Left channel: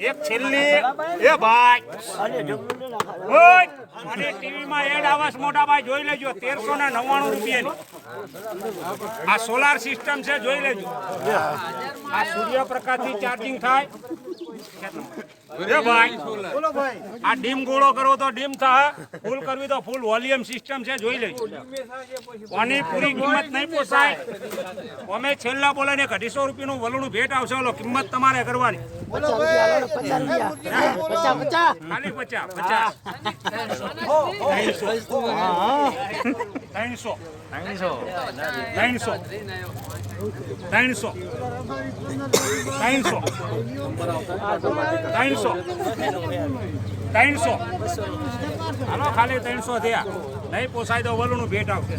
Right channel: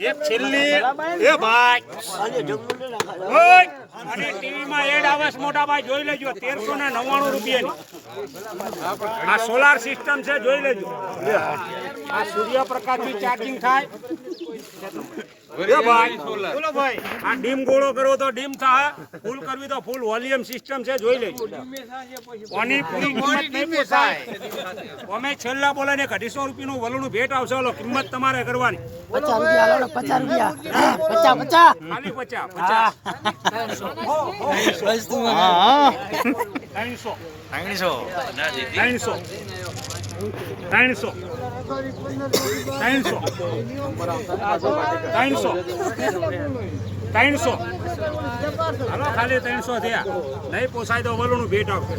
એક છેલ્લી એ ભાઈ અને ટીવી માં એડ આવે મોટા ભાઈ જોઈ લેજો 1399 રૂપિયાની આ સોલાર સિસ્ટમ છે જોઈ લેજો આ સૂર્યપ્રકાશ થી ચાર્જિંગ થાય એ ભાઈ બોલો ભાઈ આ ડીમ ગોળો કરવો તો ડીમ થાય ફૂલ કરવી તો ફૂલ વોલ્યુમ સિસ્ટમ છે જોઈ લેજો કોની પૂરી કિંમત નહીં પોસાય અમે છેલ્લા બોલે ને 250 રૂપિયાનું વલુણું ભેટ આવશે ઓલો કિંમત તમારે કરવાની ખાલી 300 હાલો ખાલી 300 થયા નહીં પોસાય તો વલુણું ભેટ આવશે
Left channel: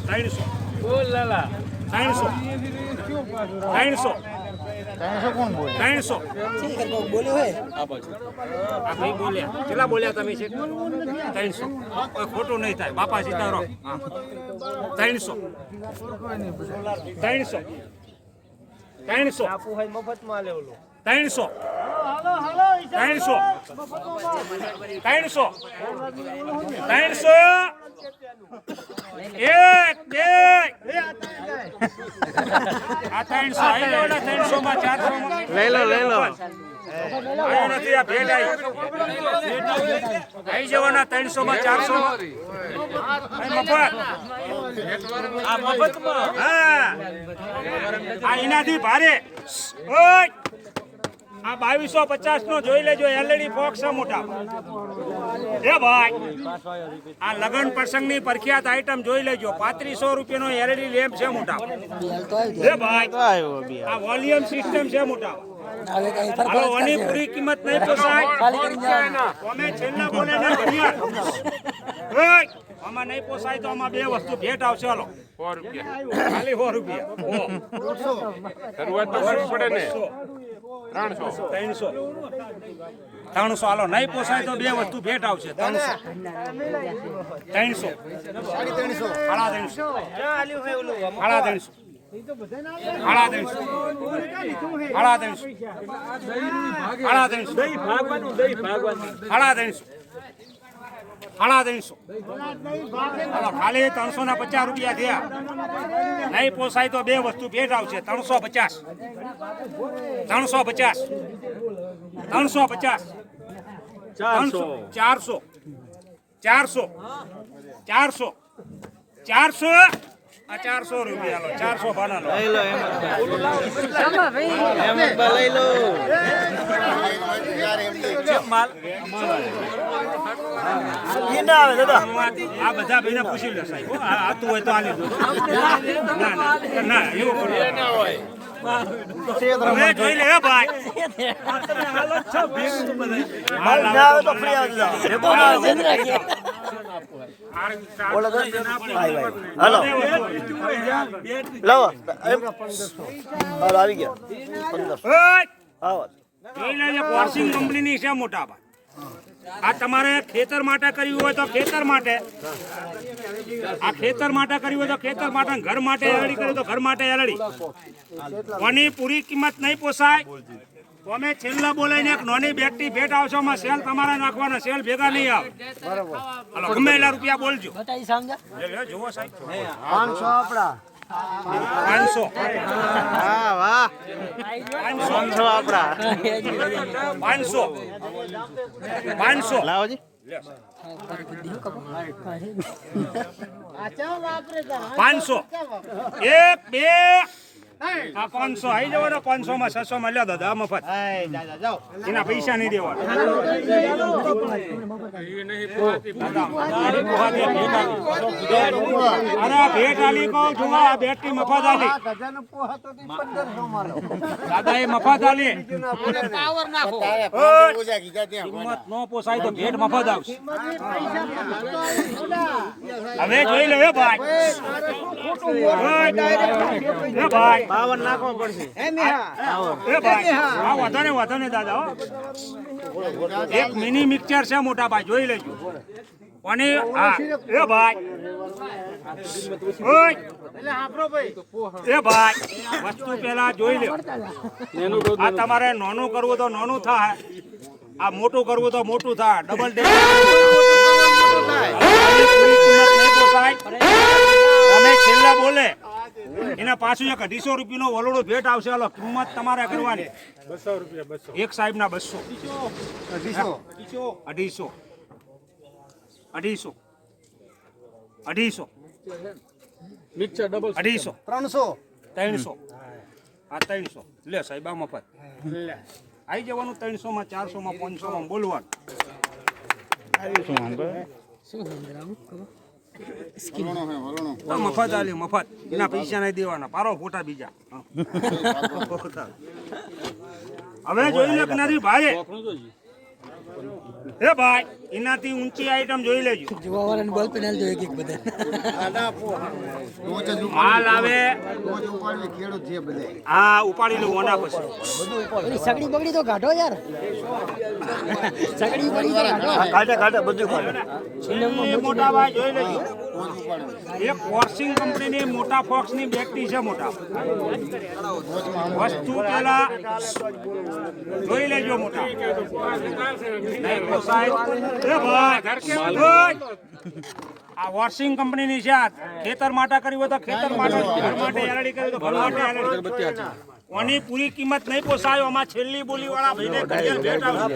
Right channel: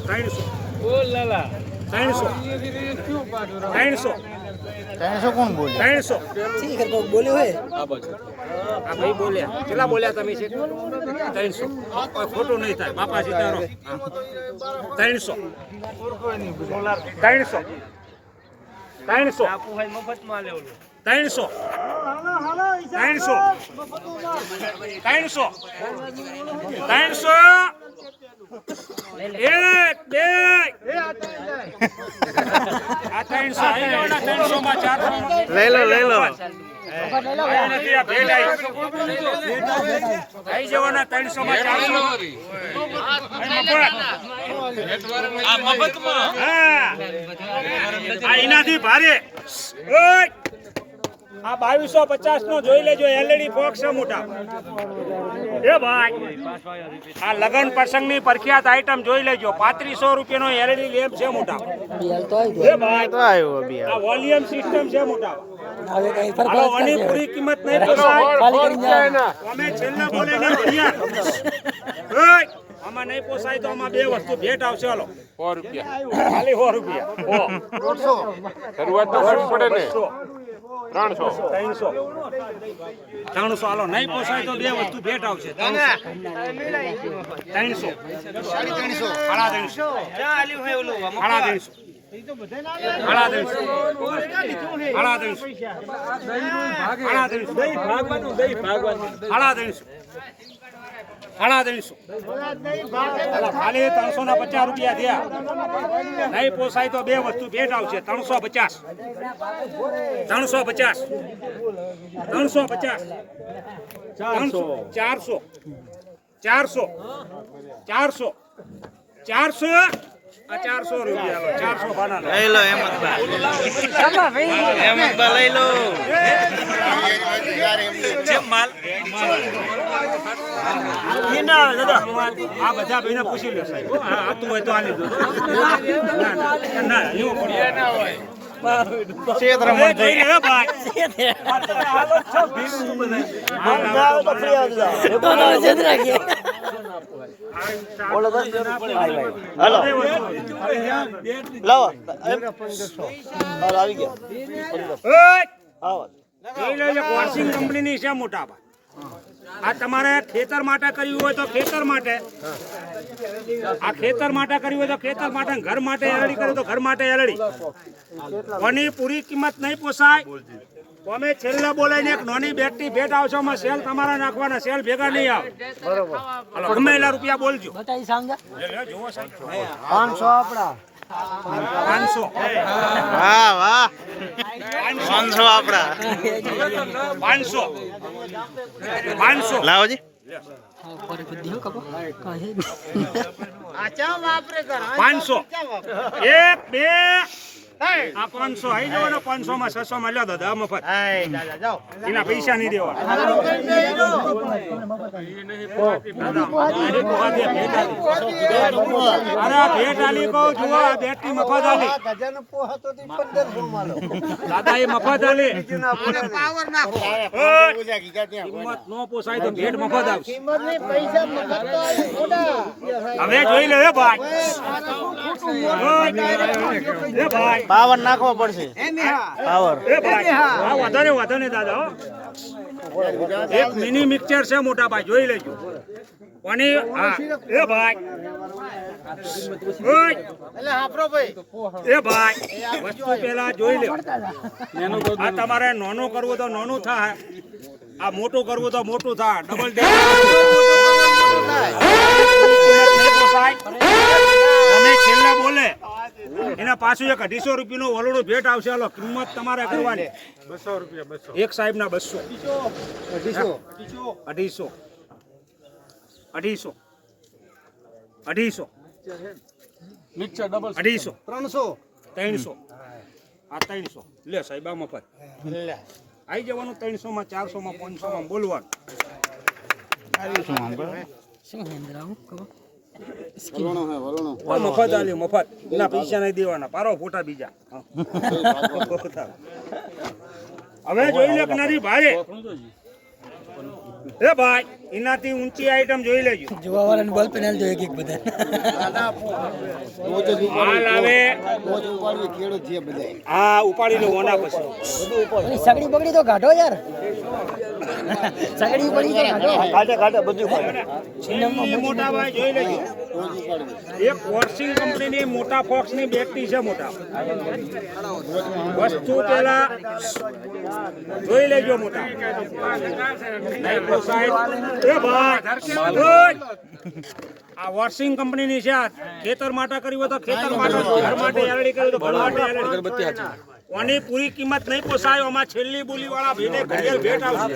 300 કોણ બોલે 300 બોલ્યો હે આ ભાઈ બોલ્યા કેટલા બોલ્યા તમે છે 300 કોઈ ખોટું નહીં થાય બાપા સીતારો 300 મફતમાં લેવું 300 એક બે આ 300 આવી ગયો ને 300 માં 400 માં લઈ લો આવી જવાના 300 માં 400 આ મફતમાં આ એનાથી ભારે આ 2250 નો જોઈ લેજો એલઈડી બોક્સ છે મોટા એ ભાઈ આ લગન પ્રસંગની પ્રખ્યાત આઈટમ જોઈ લેજો 3500 રૂપિયાનો એલઈડી લેમ્પ છે મોટા એ ભાઈ તો આવ્યો બી આ વોલ્યુમ સિસ્ટમ છે મોટા હવે કઈ ફરક ઓની પૂરી કિંમત નહીં પોસાય ખાલી કરી જાય અમે છેલ્લા બોલે ને ભૈયા આમાં નહીં પોસાય તો આમાં બે વસ્તુ ભેટ આવશે હાલો 100 રૂપિયા ખાલી 100 રૂપિયા 100 શરૂઆત તો પડે ને 300 હાલો નહીં પોસાય તો બે વસ્તુ ભેટ આવશે 300 ખાલી 350 રૂપિયા થયા નહીં પોસાય તો બે વસ્તુ ભેટ આવશે 350 400 રૂપિયા 400 ભાડા લઈ લો હેમંતબા લઈ લો આ બધા ભાઈને પૂછી લો સાહેબ આતું હોય તો આ લીધું ના એવું ના હોય વોશિંગ કંપનીની છે મોટા ભાઈ આ તમારે ખેતર માટે કર્યું હોય તો ખેતર માટે આ ખેતર માટે કર્યું હોય તો ખેતર માટે ઘર માટે એલડી કર્યું તો ઘર માટે એલડી કોની પૂરી કિંમત નહીં પોસાય અમે છેલ્લા બોલાઈને એક નાની બેટરી ભેટ આવશો માં સેલ તમારે નાખવાના સેલ ભેગા નહીં આવે હાલો ગમે એટલા રૂપિયા બોલજો જોવો સાહેબ 500 આપડા 500 વાહ વાહ 500 આપડા 500 લાવોજી 500 એક બે આ 500 આવી જવો ને 500 માં 600 માં લ્યો દાદા મફત એના પૈસા નહીં દેવાના અરે ભેટ આલી કહું જુઓ આ બેટરી મફત આલી દાદા એ મફત આલી કિંમત નો પોસાય તો ભેટ મફત આવશે હવે જોઈ લો ભાઈ પાવર નાખવો પડશે પાવર એ ભાઈ હા વાંધો ને દાદા એક મિની મિક્સર છે મોટા ભાઈ, જોઈ લેજો. કોની? હા એ ભાઈ, ઓય એ ભાઈ, વસ્તુ પેલા જોઈ લ્યો. આ તમારે નાનું કરવું તો નાનું થાય, આ મોટું કરવું તો મોટું થાય. ડબલ ડે અમે છેલ્લા બોલે એના પાછું એક 250 રૂપિયાનો વલોડો ભેટ આવશે. હાલો, કિંમત તમારે કરવાની 200 રૂપિયા. એક સાહેબ ના 200, 250, 250, 250, મિક્સર ડબલ 250, 300, આ 300 લે સાહેબ, આ મફત આવી જવાનું. 300 માં, 400 માં, 500 માં બોલવાનું. મફત આલ્યું, મફત. એના પૈસા નહીં દેવાના, પારો ફોટા બીજા. હવે જોઈ લે નથી ભાઈ. એ ભાઈ, એનાથી ઊંચી આઈટમ જોઈ લેજો. જોવાવાળાને બોલ પેનલ જો એક એક બધા માલ આવે. હા, ઉપાડી લો ઓના પછી. સગડી બગડી તો કાઢો યાર. સગડી બગડી તો કાઢો. કાઢે બધું છેલ્લી મોટા ભાઈ જોઈ લેજો. એક વોશિંગ કંપનીની મોટા ફોક્સની બેટરી છે મોટા. વસ્તુ પેલા જોઈ લેજો મોટા. નહીં પોસાય એ ભાઈ. આ વોશિંગ કંપનીની છે. આ ખેતર માટે કરી હોય તો ખેતર માટે, ઘર માટે એલડી કરી તો ઘર માટે એલડી. કોની પૂરી કિંમત નહીં પોસાય. આમાં છેલ્લી બોલી વાળા ભાઈને ઘડિયાળ ભેટ આવશે.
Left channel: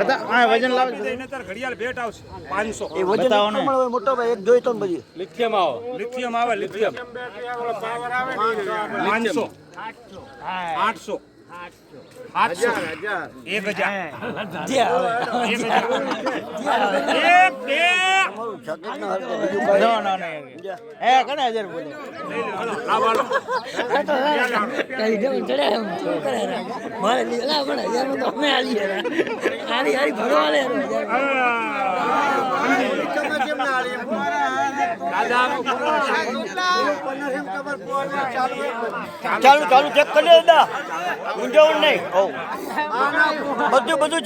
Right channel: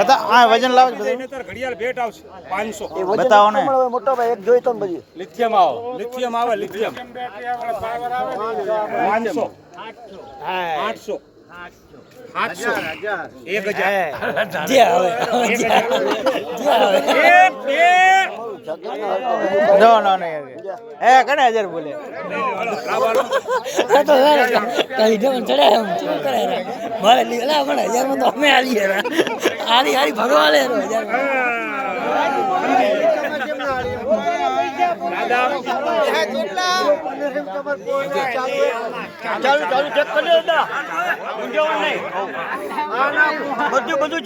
બતા આ વજન લાવો ઘડિયાળ ભેટ આવશે 500. બતાવો ને. મોટો ભાઈ એક જોઈ તો પછી લિથિયમ આવે લિથિયમ 500, 800, 800, 1000, જે આવે એક બે. નો એ કને 1000 બોલે. હાલો, લાવો. તો કઈ દે ચડે મારે લીલા પણ 1000 માં તો અમે આલી આલી ભગવાને ચાલુ ચેક કરી લે. બધું